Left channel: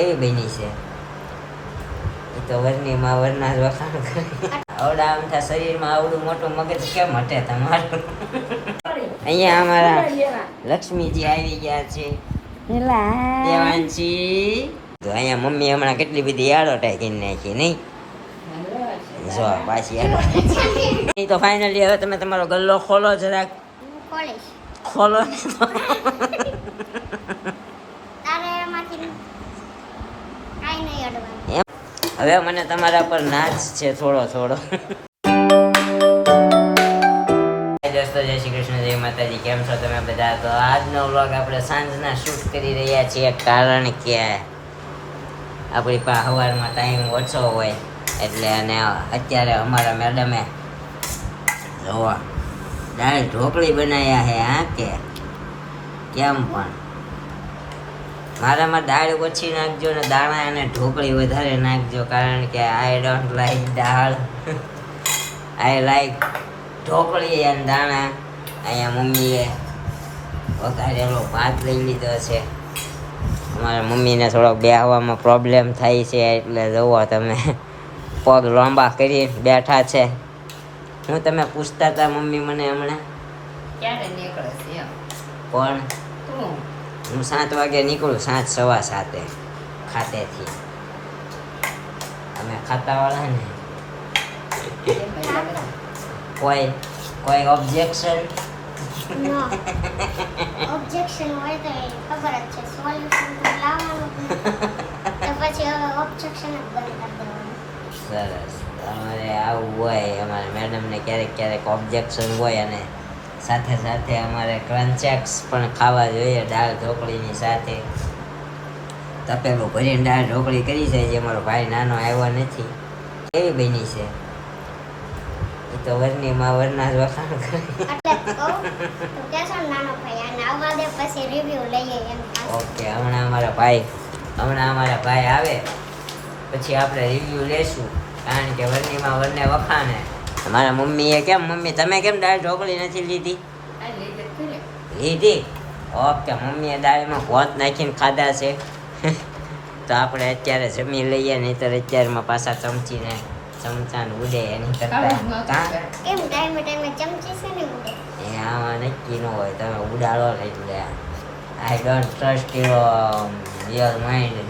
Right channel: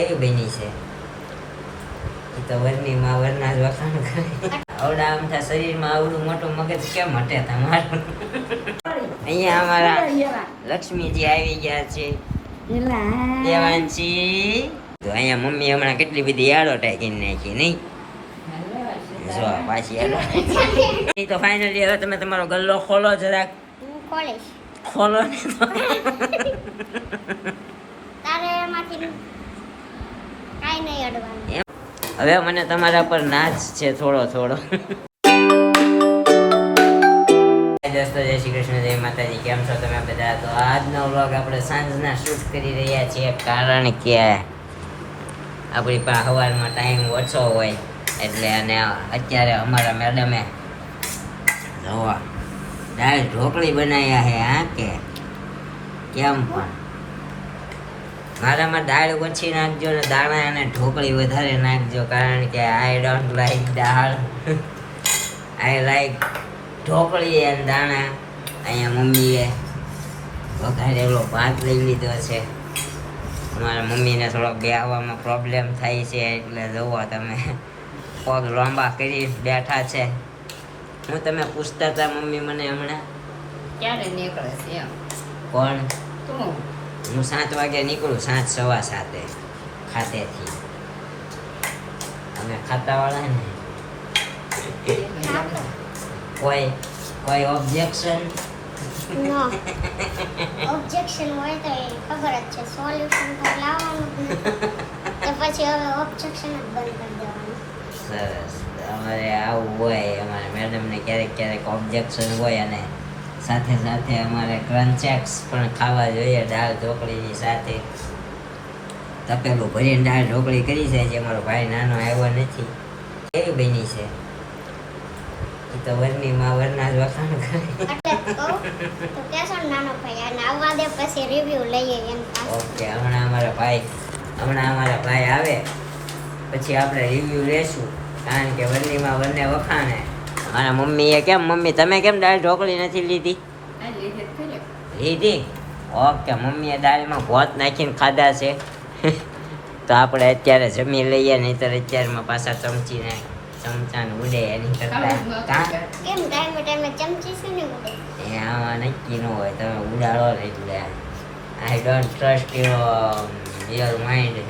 એવી બની છે તો વરની માં વરના જ વખાણ કરે. આવડા આમ થા શરીરમાં આવડું મોટું મગજ કેમ હટે તમારું? અહીંયા અમારા લક્ષ્મીજી આવી ગયા છે. દેવાંશી તો અહીંયા મમ્મી હમણાં કેટલી બધી એડવર્ટાઈઝ કરી નાખી નહીં? જો પાછી એડવર્ટાઈઝ તો ફાઇનલી હવે તમે તમારો ગલ્લો ખોલો જરાક. ખોલો ને તો. હવે મને તમારા પર નાચ છે થોડો થોડો. દોસ્તો જય શ્રી કૃષ્ણ, જય માતાજી. કેમ છો તમે બધા? તો આજનો વ્લોગ આપણે સાંજના શૂટ કરી રહ્યા છીએ, કારણ કે આપણી પાસે સવારમાં ટાઈમ ઓછો હોય એટલે. અને અત્યારે અમારા મેડમે જોવા દાળ ઢોકળી બનાવ્યા છે. હા કે કેમ પણ મારામાં દાળ ઓછી નાખજો ને દાણા અને ઢોકળી વધારે નાખજો, કારણ કે I don't like dal, I like dhokli અને દાણા. અહીંયા મમ્મીએ વઘારેલો ભાત લઈ લીધો છે. અમારા મમ્મીને થોડોક બેહવામાં પ્રોબ્લેમ થાય છે એટલે જુઓ તમે પગ લાંબા કરી બેઠા છે. હું તમે પૂછતા હતા મમ્મી મને હમણાં ક્યારે નીકળે છે? કોણ? તું. હું 7 વાગે નીકળું, 7:15 ખાતેથી. અમે ખાતાવાળા ને. કોઈ ઓબ્જેક્શન? નો ઓબ્જેક્શન હોય તો ખબર જ છે, સોલ્યુશન તો લાવવાનું તો પછી હવે ઓબ્જેક્શન જ બંધ કરી દેવાનું. સરસ. અમારે આવું હોય, અમારે મેડમને ક્યારેક ક્યારેક ઓબ્જેક્શન હોય, અને સાથે સાથે અમારે ક્રન્ચેક્સ પણ ખાવા જોઈએ દાળ ઢોકળીની સાથે. તપેલું ભરીને દાળ ઢોકળી કરી છે, જે મારો ભાઈ નાનો આવ્યો નથી. કેવી બની છે? તો વરની માં વરના જ વખાણ કરે. એટલે કહું તો કેસો નાનો ભાઈ આને આવવા દે, પછી રિવ્યુ લઈએ એમ. ઓકે, હમણાં અમારા ભાઈ આવે પછી આપણે રિવ્યુ લેશું, કારણ કે વરનીમાં વરને વખાણે. મારા મમ્મીએ કેમ, મમ્મી તમે કેમ દાળ ઢોકળી નથી લીધી? લીધી. ઓકે, મમ્મીએ દાળમાં ભાત નાખીને ખાધા છે. તો આપણે અત્યારે જમી લઈએ, નહીંતર અત્યારમાં પાછા ચમચાને ઉડે એની કરતા. કેમ ટાઈમે ટાઈમે ચમચી છે ને ઉડે? એ આમાં નક્કી ન હોય, તમે ઉડાડો ને એટલે I don't trust your mind.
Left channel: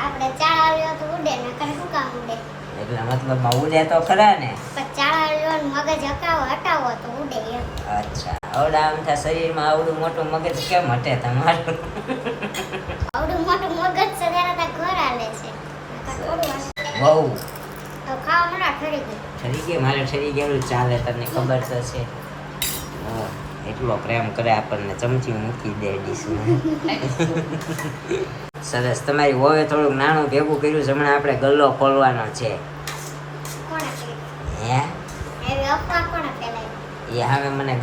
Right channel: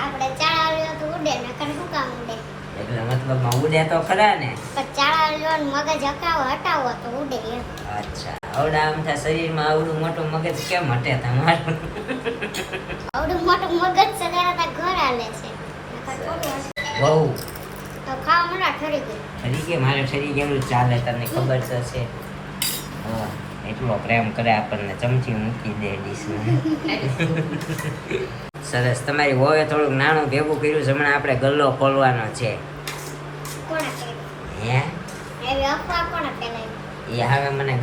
આપણે ચાળાવ્યો તો ઉડે ને કને શું કામ ઉડે? એટલે મતલબમાં ઉડે તો ખરા ને. પણ ચાળાવ્યો ને મગજ હટાવો તો ઉડે એમ. અચ્છા, આવડા આમ થા શરીરમાં આવડું મોટું મગજ કેમ હટે તમારું? આવડું મોટું મગજ છે ત્યારે તો ઘર હાલે છે. બહુ તો ખાવા મળા ઠરી ગઈ. ઠરી ગઈ? મારે ઠરી ગયેલું ચાલે, તને ખબર તો છે. એટલો પ્રેમ કરે આપણને, ચમચી મૂકી દે ડીશમાં. સરસ. તમારી વોવે થોડુંક નાનું ભેગું કર્યું છે, હમણાં આપણે ગલ્લો ખોલવાનો છે. કોણે હે? એવી અફવા કોણે ફેલાવી? એ હવે મને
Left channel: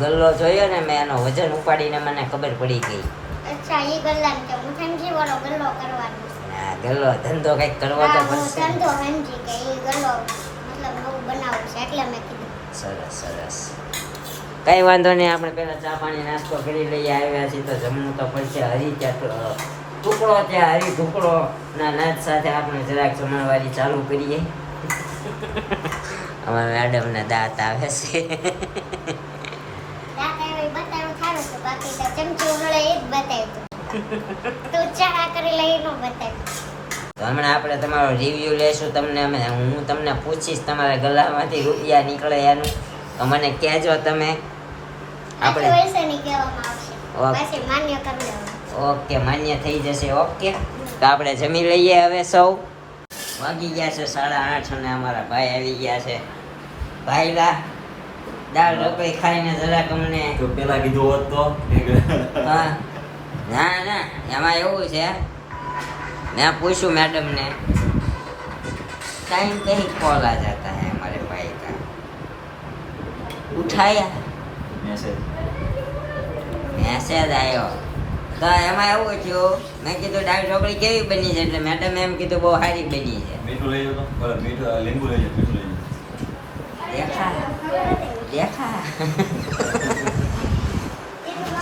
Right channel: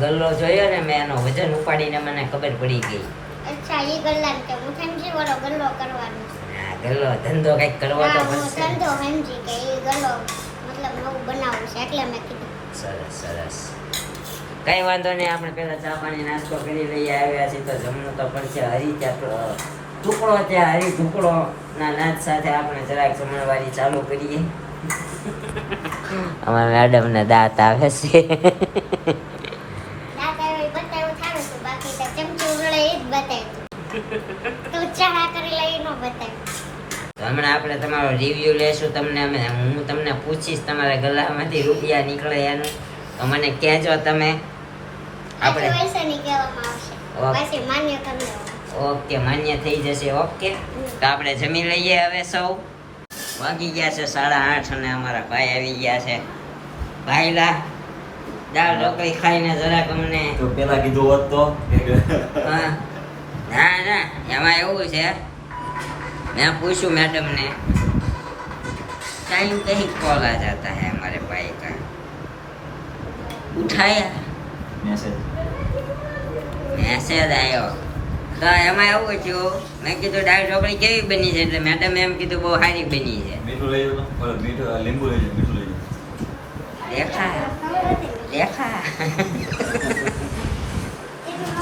ગલ્લો જોયો ને, મેં એનો વજન ઉપાડીને મને ખબર પડી ગઈ. અચ્છા, ઈ ગલ્લાને કે હું સમજી વળો ગલ્લો કરવાનો. હા, ગલ્લો ધંધો કંઈક કરવો તો હું પડશે. ધંધો સમજી કે ઈ ગલ્લો મતલબ નવું બનાવવું છે, એટલે મેં કીધું. સરસ. કઈ વાંધો નહીં, આપણે પેલા ચા પાણી નાસ્તો કરી લઈએ. આવ્યા છીએ તો જમવું તો પડશે. ટુકડો ત્યાં હરી ઢુકડો ના નાચ સાથે આપણે જરાક જમણવારી ચાલુ કરીએ. અમારા મેડમને દાંત આવે છે. દાંત આવે બતાવ્યું થારું તો બાકી તો ચમચી ઉડે એ જ બતાવ્યું. તું ચા કરી લઈ નો બતાવ્યું. તો હમણાં આપણે તમારો રિવ્યુ લેશું. હું તમને પૂછીશ તમારા ગલામાંથી રૂપિયા નીકળે એનું, તો મને કહેજો તમે. આપણે પૈસા ની કહેવામાં આવશે, પછી માન્ય કરી લેવાનું. ઓકે, માન્ય થઈ જશે. ઓકે, તો આપણે જમી લઈએ હવે સૌ. વાગી ગયા છે 8:30 અને અમારા ભાઈ આવી ગયા છે. ભાઈલા દાળ ઢોકળી ખાઈને જરાક અમને તો પેલા કીધું હોત તો. હા, ના એમાં એવું છે, મેં પૂછ્યું મેડમને टाइम पे ही कॉल आ जाता है हमारे भाई का. उठाया મેસેજ આવ્યો તો એમાં એવું થયું, મેં કીધું દાળ ઢોકળી કેવી બની છે, એટલે મેડમ એમ કીધું બહુ સારી બની છે. મીઠું લઈ જાવ તો, મીઠું લીંબુ લઈ જાવ, મીઠું લઈ જાવ. દેખા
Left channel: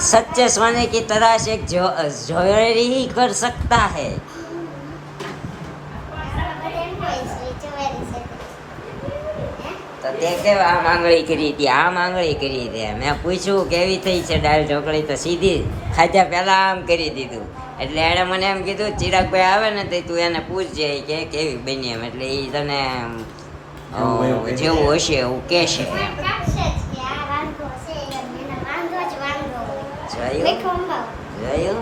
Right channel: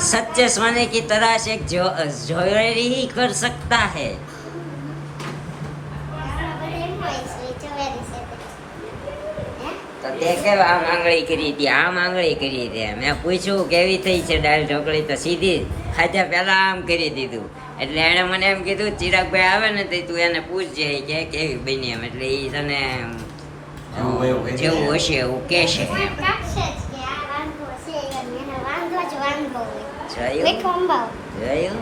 सच्चे सोने की तलाश एक ज्वेलरी ही कर सकता है. તો તે કેવા આ માંગણી કરી હતી, આ માંગણી કરી હતી. મેં પૂછ્યું કેવી થઈ છે દાળ ઢોકળી, તો સીધી ખાધા પહેલા આમ કરી દીધું. એટલે એણે મને એમ કીધું ચિરાગભાઈ આવે ને તો તું એને પૂછજે કે કેવી બની એમ. એટલે એ તને જેવું હશે એવું કહેશે. જોયું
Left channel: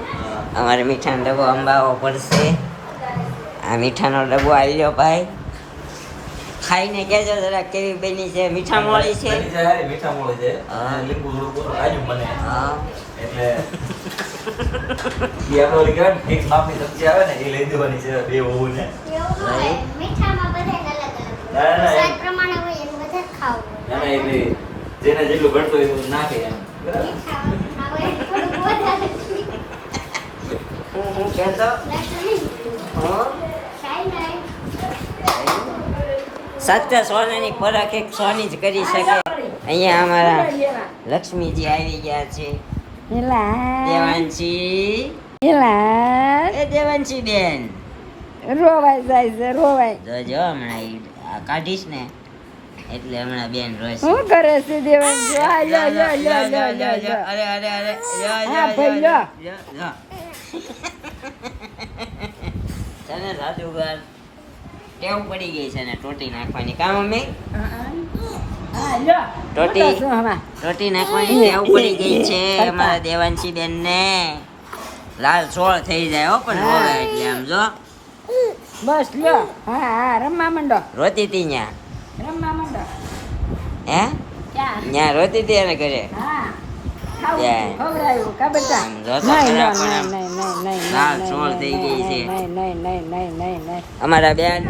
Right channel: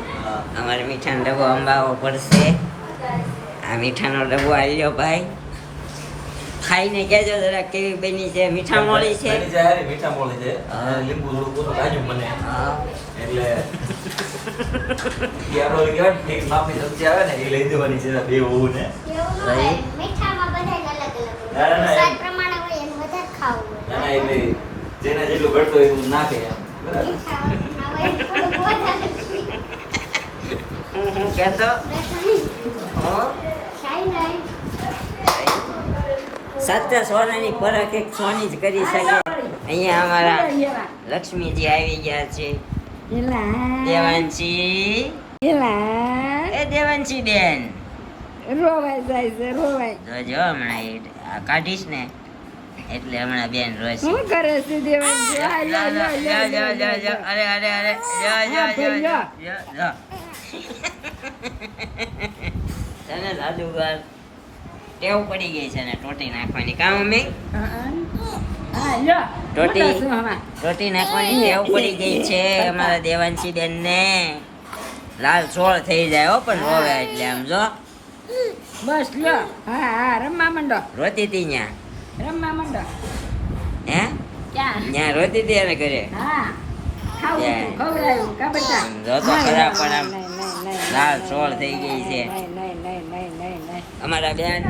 અમારે મીઠાનો ડબ્બો અંબાવો પડશે. આ મીઠાનો ડબ્બો આવી ગયો ભાઈ. ખાઈને કહેજો જરા કેવી બની છે. મીઠા મોળી છે, બની જાય હારી, મીઠા મોળી છે. હા. લીંબુ થોડું ઓછું કાજુ મને. હા એટલે ઈ આપણો કેવાય ને, એક માપની ચમચી આવે ને એ લઈ દેવાની છે બે હોવું ને. મીઠામાં બધાને અલગ અલગ ના, હોય. ના, સ્વાદ પ્રમાણે હોય એનું વધારે ખાવું ના, હોય. એટલે જેને જેટલું ઘટતું હોય એવું નાખે એમ. બરાબર. મીઠા હોય એનું થોડું વધારે. હું કહેતો હા શાઈ સાચા સોનાની પરખ એક સોની જ કરી શકે. અહીંયા અમારા લક્ષ્મીજી આવી ગયા છે. દેવાંશી, એ દેવાંશી બેન રોવાય જાય છે રોવાય. જોજો હમણાં ઈ આ કાઢીશ ને એટલે હમણાં બેન રોશે. શું કરે છે દેવાંશી? આ લ્યો, લ્યો, લ્યો, લ્યો, લ્યો, લ્યો. અરે અરે અરે હા, ભાઈ, લ્યો. તને સાદું ઘર ટેવ પડી ગઈ છે ને ટોટી નાખવાની. કામ મમ્મી હા, લ્યો. ટોટી. મોટા શું હમણાં? રોટી નાખવાની ટેવ પડી ગઈ છે અમારા દેવાંશી બેન ને. લાલ સોળ થઈ જાય હો પણ રોવે એટલે આમ જો બસ લ્યો. હા હા, રમવા માંડો, રોતી હતી ન્યા. રમવા માંડો. હે ક્યાં? ન્યા રોતી હતી એને ઘરે. હા, ખાવું ત્યાં. હતું, ખવડાવ્યું, ખબર છે? આમ જો તો ખરા પણ આમ નહીં, નહીં, નહીં, લાલ નહીં, સોળ થઈ ગઈ છે. નહીં, નહીં, નહીં, નહીં, નહીં, નહીં. અમારા બેન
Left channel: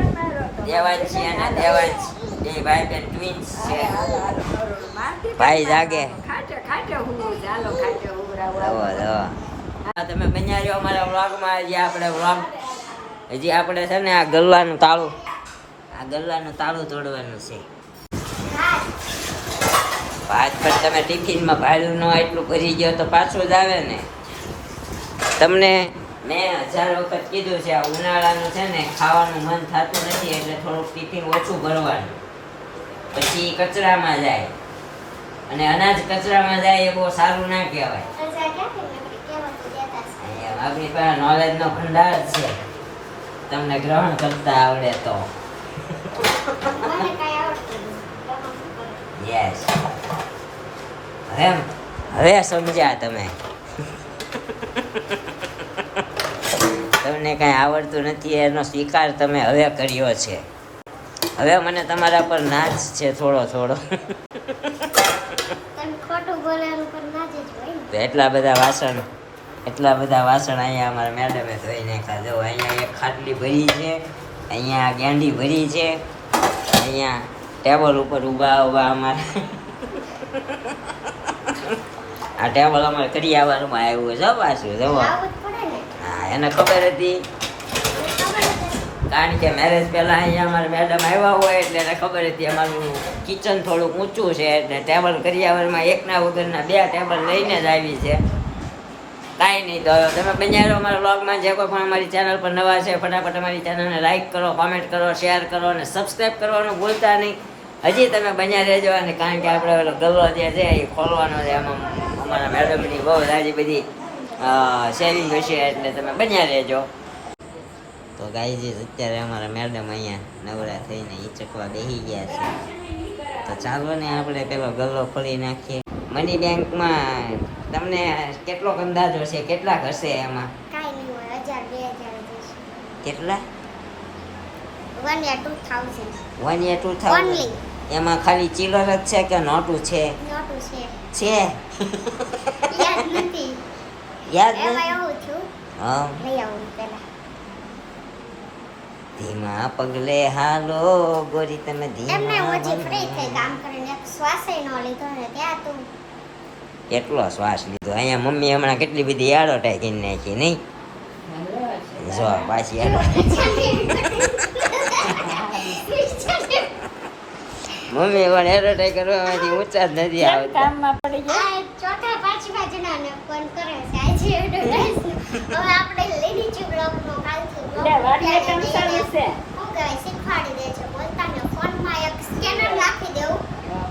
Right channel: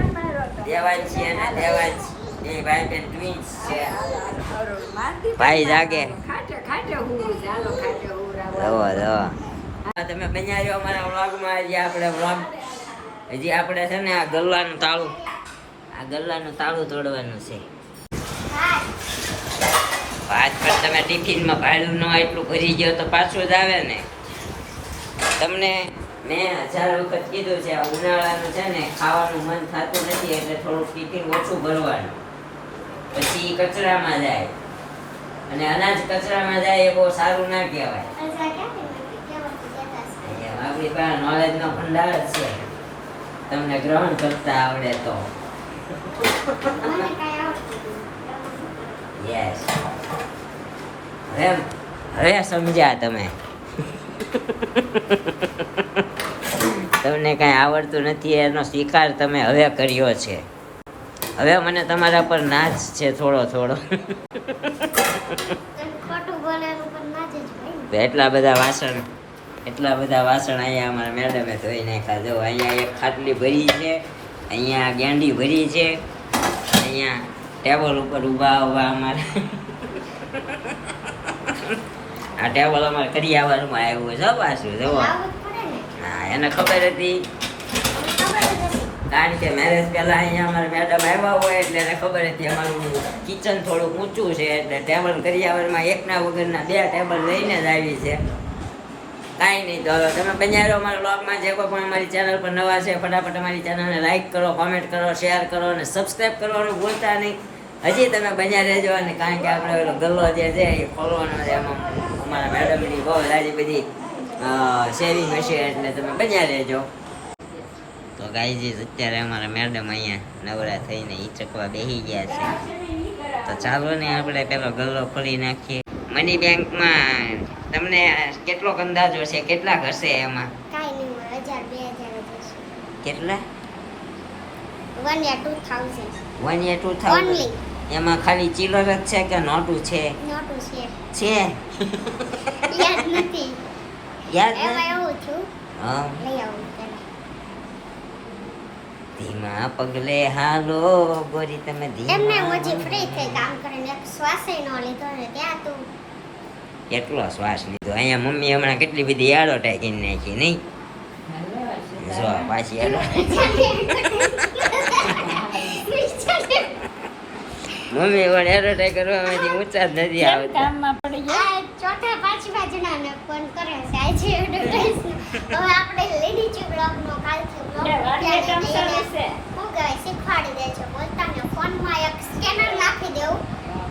દેવાંશી અને દેવાંશ બે ભાઈ બેન ટ્વિન્સ છે. ભાઈ જાગે. ખાટે ખાટે હું ચાલો ખાટે હુવરાવો. રવો રવો. તમે બન્યા છો અમારા વ્લોગમાં. હજી આપણે વ્લોગ હજી આપણે છે ને આ ગલ્લાનું તાળું તોડવાનું છે. આજ પણ તમે ટિફિનમાં ભાડું ન એટલું ભરી ગયો તો પાછું જ આવે ને. તમને મેં 1000 વખત કીધું છે આ ઉનાળાનું છે ને ખાવાનું મન થતું નથી એટલે થોડુંક ટિફિન ઓછું ભરવાનું. પછી કચરામાં જાય અને અનાજ કચરામાં જાય એ બહુ સારું ના કહેવાય. અહીંયા આપણી પાસે નોલેજનો ભંડાર જ છે. તમને ગ્રહણ કરતા આવડે તો. યસ. હવે સમજ્યા તમે. તમને કાંઈ આવડતું નથી એનો સ્વીકાર તમે હવે કર્યો છે. હવે મને તમારા પર નાચ છે થોડો થોડો. ખોટું બોલેલું પણ ના જ હોય ને. તો એટલા બધા વાસણ અહીંયા અમારા મેડમે ધોઈ નાખ્યા. જો અહીંયા એક ખાટલી ભરી છે, અહીંયા ગેંડી ભરી છે, અહીંયા ટેબલ ઉપર ઊભા અમારે આ ટેબલ અમારે કરિયાવારમાં આવ્યું છે પાછું જોવા. આવું જ પડે ને. હા એને ખબર હતી કારણ કે મેરેજ પહેલા અહીંયા અમારા મેડમ આવ્યા હોય એટલે એને ખબર હતી અમારું કિચન થોડુંક ઊંચું છે એટલે ટેબલ કરિયાવરમાં એકના વગરના 2 ટેબલ લઈને જ આવી છે. કાંઈ નહીં. તો તમે બન્યા અમારા વ્લોગમાં. જે કોઈ પણ અમારી ચેનલ પર નવા છે ફટાફટ અમારી ચેનલને લાઈક કરો, કોમેન્ટ કરો, શેર કરો અને સબસ્ક્રાઈબ કરવાનું ભૂલતા નહીં. હજી તમે બન્યા રહેજો. અને કારણ કે આપણે ઓલો ગલ્લો જે છે એ ખોલવાનો છે એમાં અમારા મેડમની બહુ સારી બધી સેવિંગ હશે એટલે તમે બન્યા રહેજો. તો ગાઈઝ અત્યારે અમારા મેડમ અહીંયા નવરા થઈને હિચકવા બેસી ગયા છે. તો ચાલો ને આપણે પેલો ગલ્લો ખોલી નાખીએ. મની બેંકમાં તમને કેટલોક અંદાજો છે? કેટલાક હશે એમાં? કાંઈ નહીં હોય. 1000 2000 જ હશે. કેટલા? 1 યા 2000 1 યા 2000? Only. એમાં ખાલી ચિલ્લર જ છે કે નોટું છે? નોટું છે. છે યાદ નથી. યાદ એમાં નથી? એવું છું. હા. લઈ આવું પેલા. ધીમા પગલે હાલો ગોરી તમે એમને ધીમા ઓછી ફ્રી થઈ કામ કરીને એક શ્વાસે ન લીધો ને ત્યાં તું કેટલો શ્વાસ લીધો. અહીંયા મમ્મી હમણાં કેટલી બધી એડવર્ટાઈઝ કરી નાખી નહીં? જો પાછી મમ્મી પણ એડવર્ટાઈઝ કરવામાંથી ઊંચા જ નથી આવતા. કામમાં પડી ગયા. ચોથા પાંચમા જણાને ફોન આજે એડવર્ટાઇઝ હવે આપણે લેડી ચી બ્લોગનો કાલથી બ્લોગ શું કહેવાય શીખવાડી દે છે બોલતા ને ફોનમાં એક સ્કેનર નાખી દેવું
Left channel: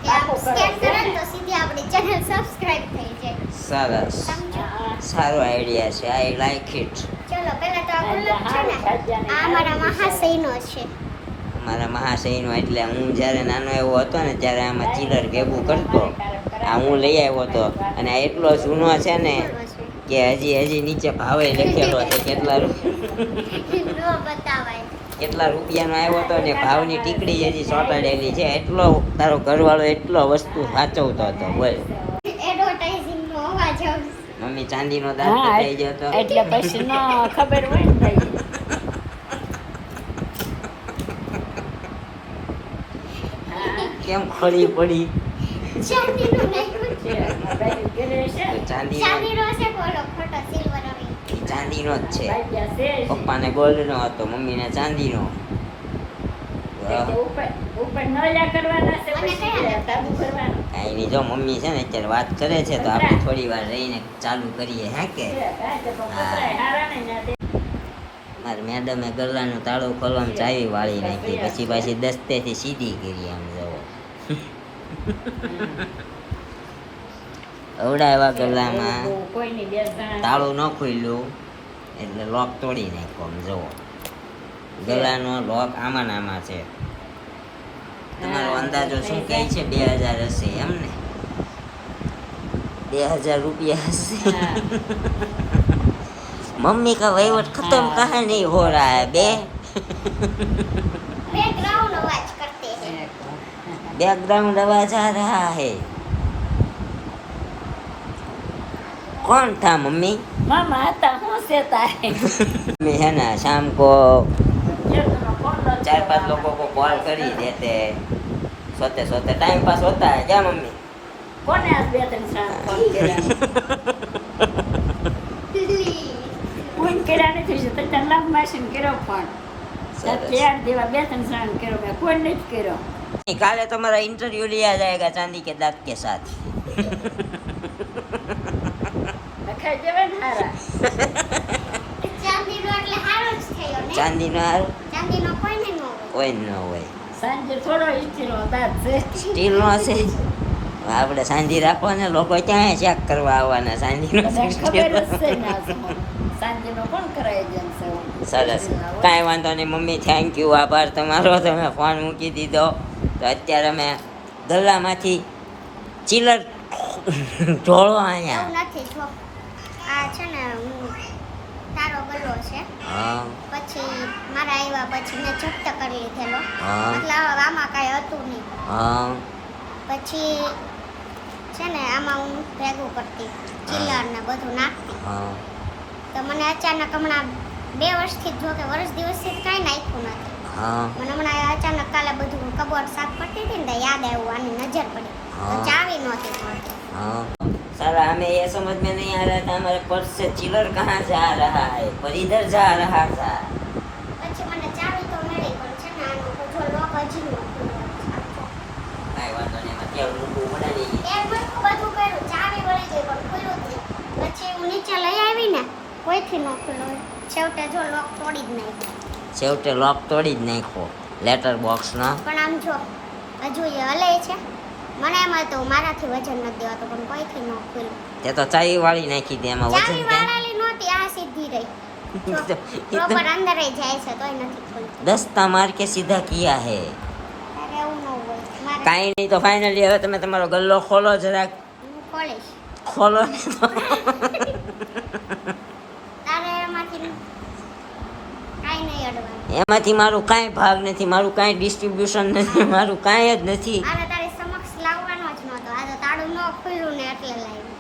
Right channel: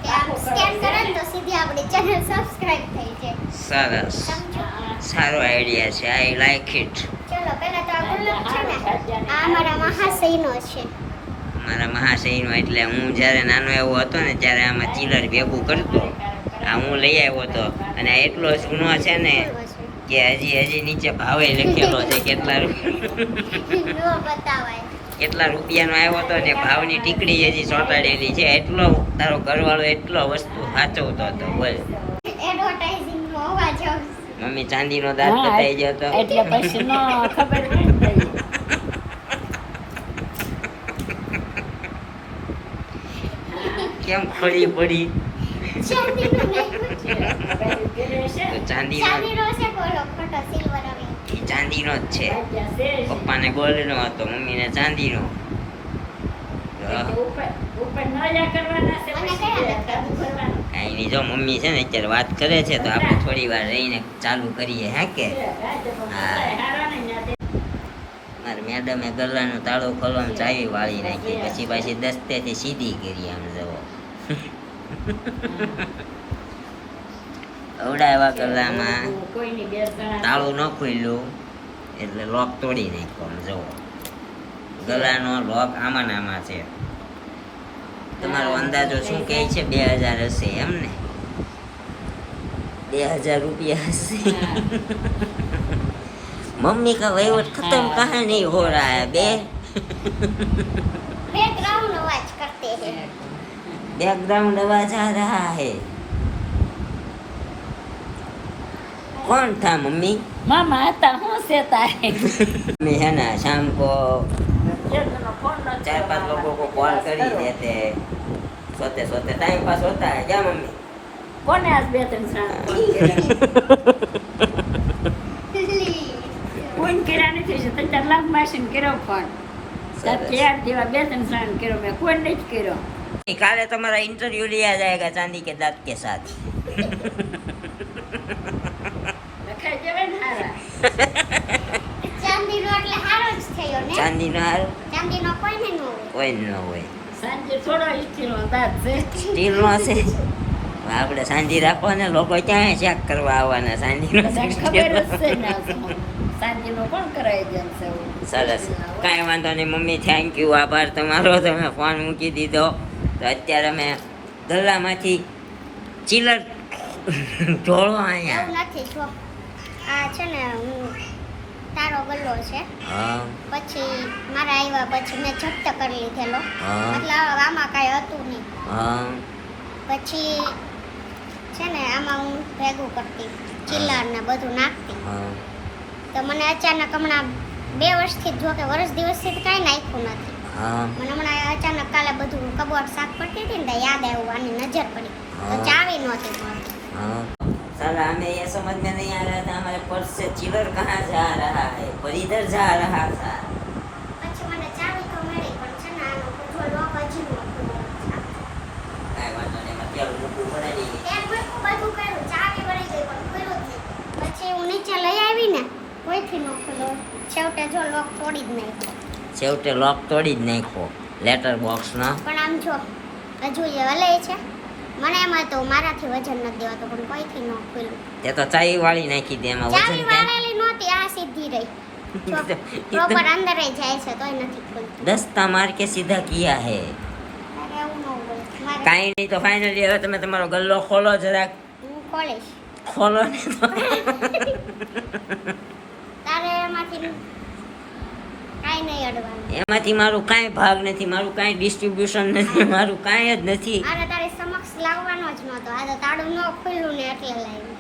કે આમ સ્કેન કરે ને તો સીધી આપણી ચેનલ સબસ્ક્રાઇબ થઈ જાય સરસ, સમજો સારો આઈડિયા છે, આઈ લાઈક ઇટ. ચલો પહેલા તો આ ગુલાબ છે ને આ અમારા મહાશયનો છે. મારા મહાશયનો એટલે હું જ્યારે નાનો એવો હતો ને ત્યારે આમાં ચીલર ભેગું કરતો. આ હું લઈ આવ્યો હતો અને આ એટલો જૂનો છે ને કે હજી નીચે ભાવે લખેલો છે કેટલા નો બતાવાય કેટલા રૂપિયાનો આવ્યો હતો ને ભાવની ટીકડી હજી ચોંટાડેલી છે. એટલો તારો ઘરવાળો એટલો વસ્તુ સાચવતો હતો. બોલ એડવર્ટાઇઝિંગ નો અવાજ આવશે. મમ્મી ચાંદીનો દાંત બતાવી ગયો હતો. એટલે પછી નો ખબર પડી કેમ ખોલી પડી? ચાંદીનો નાખ્યું છે. તો ચાંદીનો ચાંદીનો છે બોલો ખોટો સિલ્વર હવે ઈ ચાંદીનો જ છે. પપ્પાને ગોલ્ડનો હતો, મમ્મીને ચાંદીનો. તો મને કયા લખતા એની જો મમ્મી છે ને અત્યારે વાત કરે છે તો આપણે થોડી વાર રહીને ચાલુ કરીએ. હા કે હા, મારી મેડમે ગલ્લાનો તાળો ખોલવાનું ચાવી વાળી નાખી, પછી પાછી દસ્તેથી સીધી કરી. આમ જવો અવડાવ્યા ગલ્લામાં તાળું ન ખુલ્યું એટલે લોક તોડી નાખ્યો. આમ જવો ગલાનો લોક આમાં ને આમાં છે. તમારો અંદાજો શું કહે છે? 2000 હશે એમ ને? 2000 રૂપિયા હશે. मम्मी का वहीवट खत्म कहाँ नहीं हो रहा है बे. बैकग्राउंड आवाज करते हैं. बैकग्राउंड आवाज आ रहा है. कौन था मम्मी? मामा आता हूँ से तारे मैं है ना शाम को 4-5 लोगों को कॉल कर ही देते. सोते सोते टाइम पास होता है क्या मम्मी? કોને આજ બે ત્રણ સાણ ફોન કર્યા નથી તાર લાભ માસીને કર્યો ફોન તાર ચાર જેવા બે ત્રણ સાણ કર્યો મેં કોઈ નથી કર્યો. काले तुम्हारा इंटरव्यू लिया जाएगा चांदी के दांत के साथ. ખાઈ દેવાય ને હારા ચાંદીનો એટલે હારો જ થયો ને. चांदी ना ચાંદીનો કોઈને ન હોય. कोई न હોય. સાંજે થોડો ઈચ્છેલો દાંત છે સ્ટીલ નો છે. આપણે સાંજી રાખો ને લોકો ક્યાં ચેક કરવા આવવાના સાંજી નો બધાને ખબર જ છે ને આ સમય. સાંજેનો કોણ કરાય જેમ છે એવું. સરસ, કાંઈ વાંધો નહીં મમ્મી, થેન્ક યુ, આભાર તમારો, તમે ફોન મૂકી દીધો. તો અત્યારે અમે ગલ્લામાંથી ચીલર ઢોળો અહીંયા. એવું નથી જો આ છે ને હું તારો ગલ્લો છે હા પછી મારા આવ્યા પછી મેં જપ્ત કરી લીધેલો હા એટલે આમાં કાંઈ હતું નહીં. હા પછી છે ને આમાં હું ભેગું કરતી ચીલર ને બધું નાખતી. હા તો મને અચાનક હમણાં 2 વર્ષથી જો કે વર્ષ દિવસથી તો કાંઈ નાખ્યું નથી. હા મને હમણાં અચાનક કાલે બધું કબોર્ડ સાફ કરતી હતી ને તો યાદ આવ્યું, આની નજર પડી તો हाँ ચાવી નહોતી મળતી. हाँ साला हमें ये समझ में नहीं आ रहा था हमारे पर्स से चिलर कहाँ जा रहा है, पर इधर जा रहा था. પછી મને ચાવી તો મળી પણ છે ને આનો જો લોક હજી નહોતું. કાંઈ વાંધો નહીં, એમાં કેવું મૂકવું પડે નહીં. એ બધું કર્યું ચાવી મળી ગઈ પણ ખુલ્લું જ નહીં. પછી હું નીચે લઈ આવી ને કોઈથી ન ખુલ્લું, છેવટે જો લોક તોડી જ નાખ્યો. છેવટે લોક તોડી જ નાખ્યો લેટર બોક્સનો. પણ આમ જો હજુ એ હલે છે. મને એમ હતું મારાથી વજન નથી દેવાતું પણ કોઈથી ન ખુલ્લું. તે તો ચાવી વાળી નાખી દે, એમાં ચાવી વજન ક્યાં? વાળેલી નહોતી, આ સીધી રહી. પ્રોપર અંદર જાય છે તોય નથી ખુલતી. દસ્તા માર કે સીધા કિયા હે. તારે એવું ન હોય. મારે કાંઈ નહીં, તો ફાઇનલી હવે તમે તમારો ગલ્લો ખોલો જરાક. હું ખોલીશ. ખોલો ને તો. તારે એમાંથી કાંઈ નહીં અડવાનું. એમાંથી મારું કાંઈ ભાગ નથી, મારું કાંઈ ડિસ્ટ્રીબ્યુશન નથી, મારું કાંઈ જ નથી. આને તારી સમક્ષ લાવવાનો જ નહોતો. આ તો તાળું ન ખુલ્લું ને એટલે લાવ્યું.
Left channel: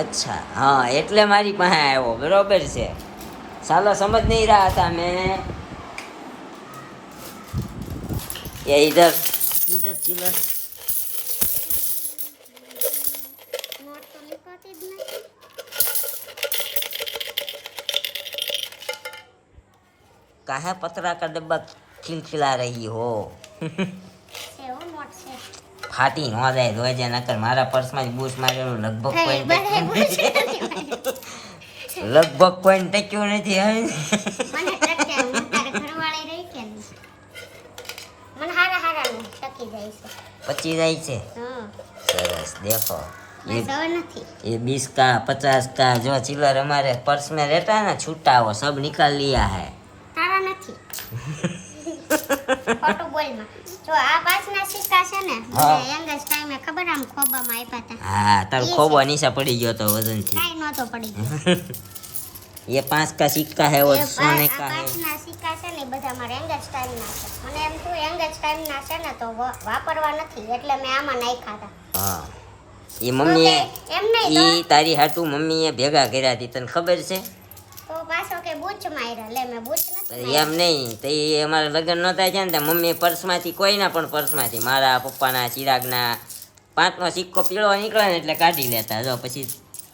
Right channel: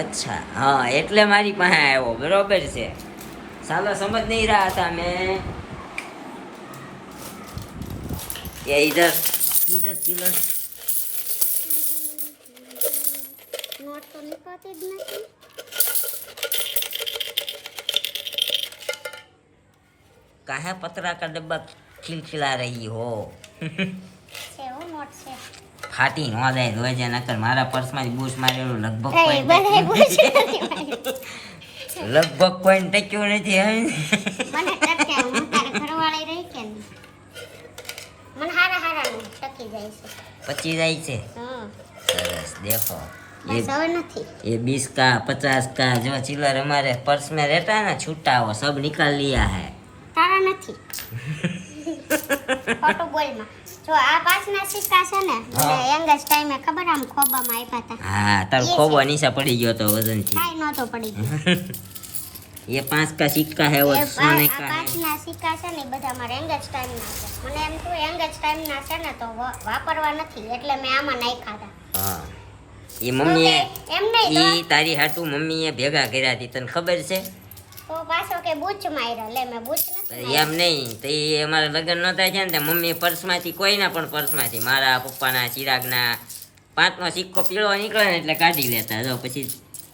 अच्छा हाँ એટલે મારી પાસે આવ્યો, બરોબર છે. साला समझ नहीं रहा था मैं. ये इधर इधर चिलर નોટ તો નીકળતી જ નથી. काहे पतरा का डब्बा खिलखिला रही हो. છે એવું નોટ છે. ફાટી ન જાય, લોહી જાય, નકર મારા પર્સમાં બૂસ મારેલું લગભગ થઈ કોઈ બધાય પૂછે. લગભગ કોઈ ટક્યું નથી હવે મને ટકે હું તારે ઘરવાળી રહી કે નહીં? મને હારા ને ટકી જાય છે. પચી જાય છે હા સરસ દેખો બસ હવે નથી. ये 20 का 50 का जो चिल्लर हमारे पर्स में रहता है ना छूटा वो सब निकाल लिया है તારા નથી. ખોટું બોલમાં. જો આ પાછના સિક્કા છે ને હા. મને યંગેસ્ટ ટાઈમે ખબર આમ ખોબામાં આપ્યા હતા. हाँ तार खोबो निशा पड़ी गयो तो वजन थी કાંઈ નહોતો પડી ગયો. ये 5 का सिक्का है वो એ सोने આ का है પાછના સિક્કા છે ને એ બધા મારા યંગેસ્ટ ટાઈમના છે. મને એમ થયું યંગેસ્ટ ટાઈમના છે ને તો વાપરવા નથી એટલે મેં આમાં નાખ્યા હતા. हाँ ये मम्मी એમ નહીં તો ये तारी हाटू मम्मी ये भेगा કર્યા હતી તને ખબર છે તો પાછો કે બૂચ માર્યા. લે મેં બૂચ નથી એમ નહીં તો એ અમારા લગ્ન નહોતા છે ને તો મમ્મી પર્સમાંથી કોઈના પણ પર્સમાંથી મારા પપ્પાના ચિરાગના 5નો સિક્કો પીળો નીકળે ને એટલે કાઢી લેતા જો પછી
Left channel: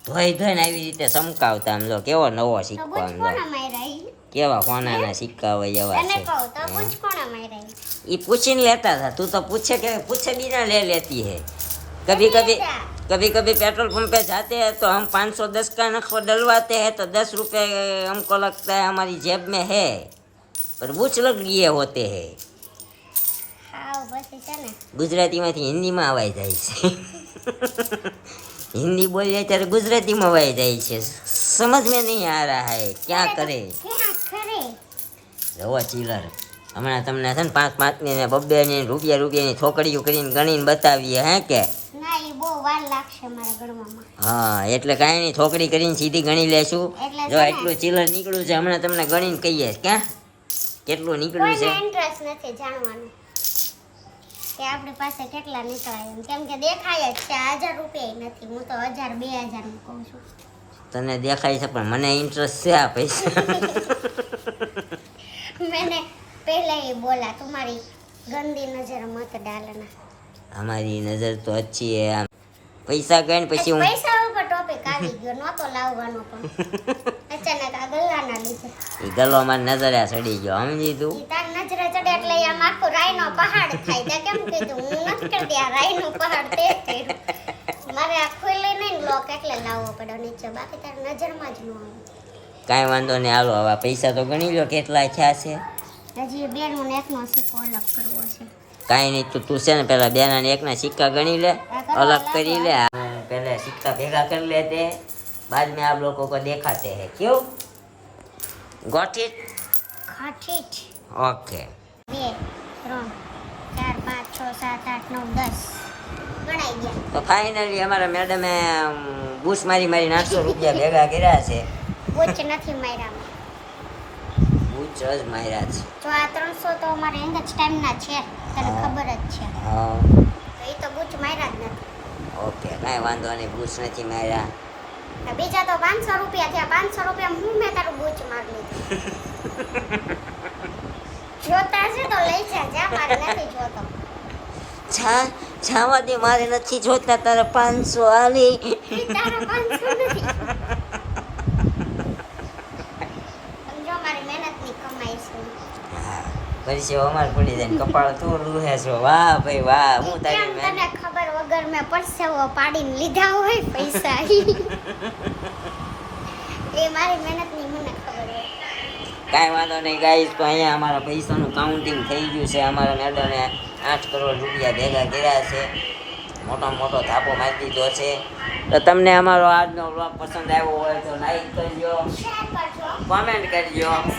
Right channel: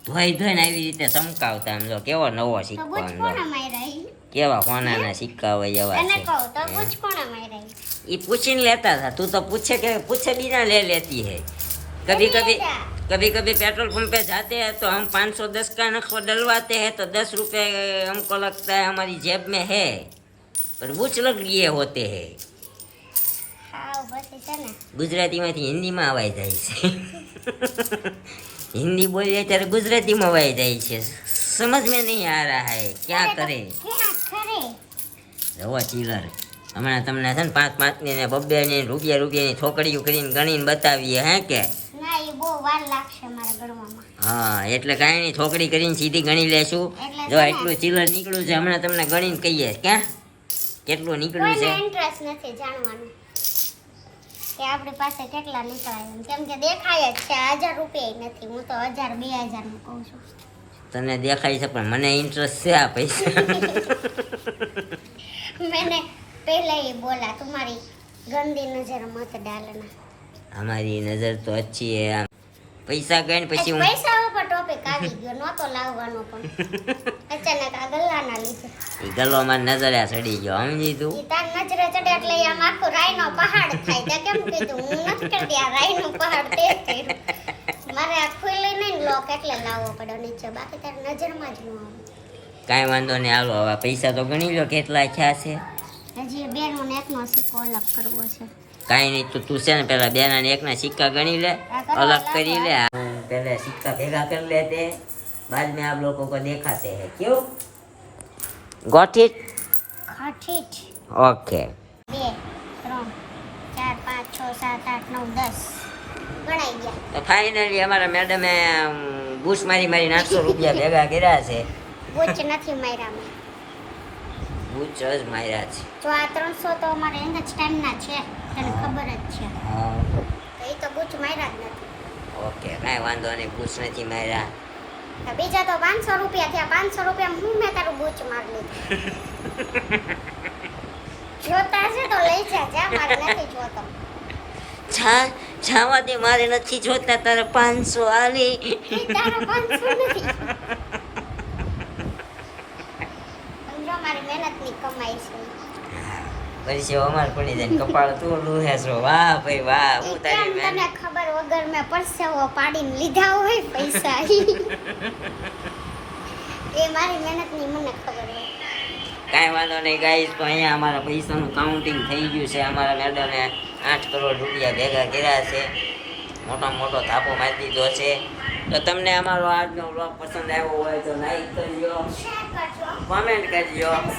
ધોઈને આવી રીતે સમકાવતા આમ જો કેવો નવો તો સિક્કો બૂચ આમ જો કોણે માર્યા ઈ? કેવા કોનાના સિક્કા હોય એવા એને છે કહું તો બૂચ કોણે માર્યા ઈ? ये पूछने लेता था तू तो पूछे बिना ले लेती है कभी कभी कभी पेट्रोल पंप पे जाते हैं तो हम 510 का नखो डलवाते हैं तो 10 रुपए हमको लगता है हमारी जेब में है पर बूच लग गए होते हैं હાવ પછી છે ને ગુજરાતીમાંથી હિન્દીમાં અવાય જાય છે हिंदी बोलिए ત્યારે ગુજરાતીમાં અવાય જાય છે समझ में नहीं आ रहा है क्या करे ક્યાં ખરે જવો ચીલર હમણાં તમને છે ને 5-5ની ને 2-2ની રૂપિયાની છોકરીઓ કરીને ગણીને બતાવીએ હે કે ના એ બહુ વાર લાગશે મારા ગણવામાં. હા એટલે કાંઈ નહીં છોકરી કરીને સીધી ગણી લેશું એટલે જો છે ને. એટલું ચીલર નીકળ્યું છે હમણાં તમને ગણીને કહીએ ક્યાં કેટલું નીકળ્યું કોઈને છે ઇન્ટરેસ્ટ નથી જાણવાનું કે આપણી પાસે કેટલા નીકળાય એમ. કેમ કે દેખાય જ છે 1000 રૂપિયા નથી. હું તો 1000-2000 નું કહું છું. તને દેખાય છે પણ મને ઇન્ટરેસ્ટ છે આ પૈસા मैंने पहले ही बोला तुम्हारी गंदी नजर मत डालना. हमारी नजर तो अच्छी है આમ પૈસા ગણ પછી હું પૈસા ઉપર ટોપિક આવી ગયો નહોતો લાવવાનો પણ અચાનક આ ગલ્લાના લીધે ઈ ગલોમાં નજરે ચડી ગયો સમજી તું ઈ તાર નજરે ચડે એટલે આમ આખો રાઈનો પહાડ થાય. તે કેમ કીધું હું નથી કરતી આ રાઈનો પહાડ તે કર્યું. મારે આ ખુલ્લી નહીં લોક એટલે લાવવો પડ્યો નીચે. બાકી તાર નજરમાં જ ન આવે. કાંઈ વાંધો નહીં હાલો હવે પૈસા તો ગણી લો કેટલા થયા છે હજી બેનું ને એકનો સિક્કો અલગ કરવો છે. કાંઈ નહીં તો તું છે ને પેલા બેના ને એકના સિક્કા ગણી લે अलग કરી લે पहले सिक्का भेगा कर लेते हैं बाद में आप लोगों को दिखाते हैं क्यों गॉट इट ખાઠીઠ ओके 2 3 4 5 6 7 8 9 10 ગણાઈ ગયા. तो फाइनली हमारा मैडम है बूस मारी 800 रुपया भेगा કર્યા છે બુચ નથી માર્યામાં. બૂચ જ માર્યા છે જો આ 300 તો અમારે એંગજ ટાઈમના છે તને ખબર જ છે. હા તો એ તો બુચ માર્યા જ નથી. ઓકે કાંઈ વાંધો નહીં બૂચ નથી માર્યા તો બીજા તો 500 રૂપિયા થયા. 500 રૂપિયા હું મેં તારું બુચ મારી લીધું. જોતા છે તો લઈ જા મારે નથી જોતો. છાવા દે મારે નથી જોતા તારે 500 આલી ઈ તારા 500 નથી. સમજો મારી મહેનતની કમાઈ છે. પછી અમાર પડી જાય ને કપાળ તું લૂહે છો વાહ ભાઈ વાહ હું કેમ તારી તને મહેનત ખબર વગર મેં પરસેવો પાડીને લીધા હોય પૈસા એ મારી મહેનતની મને ખબર હોય. કાંઈ વાંધો નહીં ગાઈસ તો અહીંયા અમારા પૈસાનું કાઉન્ટિંગ થઈ ગયું છે અમારા મેડમે 8 કરોડ રૂપિયા ભેગા કર્યા છે મોટો થાપો મારી દીધો છે તો તમને અમારો આજનો વ્લોગ પસંદ આવ્યો હોય તો લાઈક કરજો શેર કરજો કોમેન્ટ કરજો અને